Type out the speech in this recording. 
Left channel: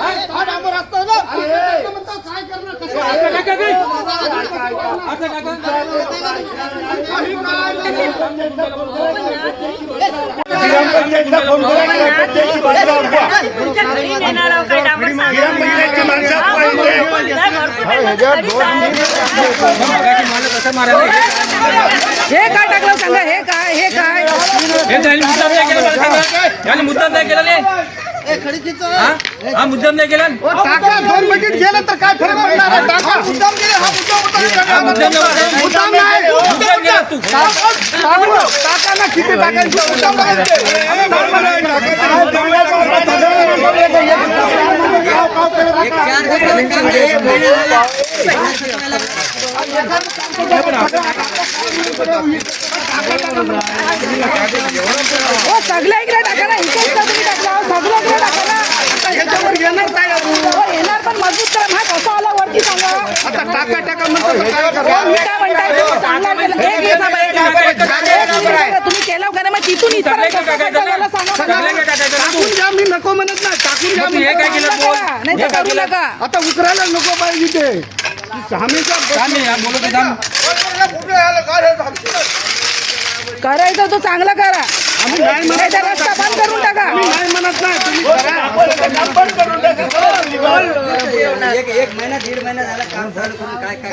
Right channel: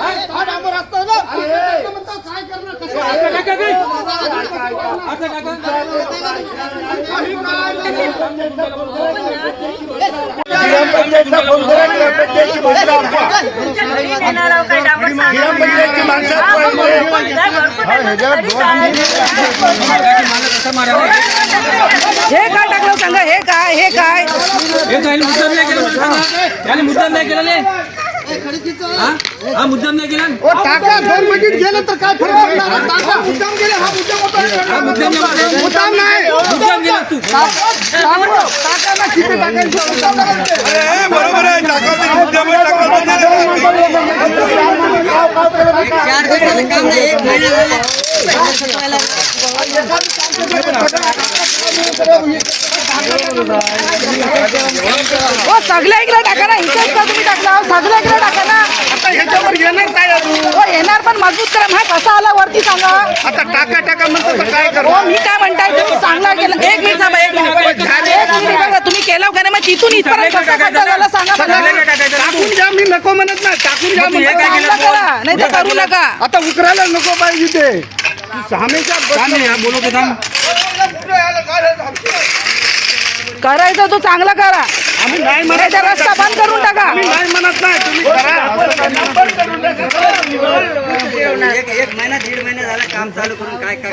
हा ग्रामपंचायतचा फोन करा. माणसं माणसं हे काय टाकलं सांगा? हे काय? हे काय? याने मुद्दाम नाही केला. नाही हा? हा मुद्दाम नाही केला ओ, टाका दोन मिनिट गेलं तर काय फरक पडणार आहे? टाका मुद्दाम गेले हा मुद्दाम होता मुद्दाम नाही मुद्दाम केला तू टाका टाका ना किती टाकायचं मुद्दाम नाही. बरोबर आहे टाका तरी मुद्द्यावर हो सगळ्या इकडे टाका ना इथेच का तुम्ही टाकला हो, सगळ्या इकडे टाका ना. आता ह्याच्यावर घेणार काय अजून. हो येणार पण मजबूत करा हा कसा आला वरती सांगा. आता टाका टाका म्हणतो तर काय हो करणार? मी काय म्हणताय तुम्ही चांगला केलं. एक मिनिट थांबा एक मिनिट एक मिनिट बघा, तुम्ही केलं का नाही? मग तिथून इथपर्यंत कसं खड्डा झाला सांगा मला. टाकून घ्या मी नको म्हणत नाही. टाकून घ्या हे काय म्हणतो. केलं? चांगलं करा नाही तर करू नका. आता उकरायला नको पाहिजे ते हमेशा बोलत आहे, थांब. करायचं तो चांगला करा. आम्ही नाही नाही म्हणत तर रस्ता बंद करून टाका. आम्ही नाही म्हणत नाही. तुम्ही करा. असं काय नाही. एक एक महिना दीड महिना झाला काम चालू करून काय काय?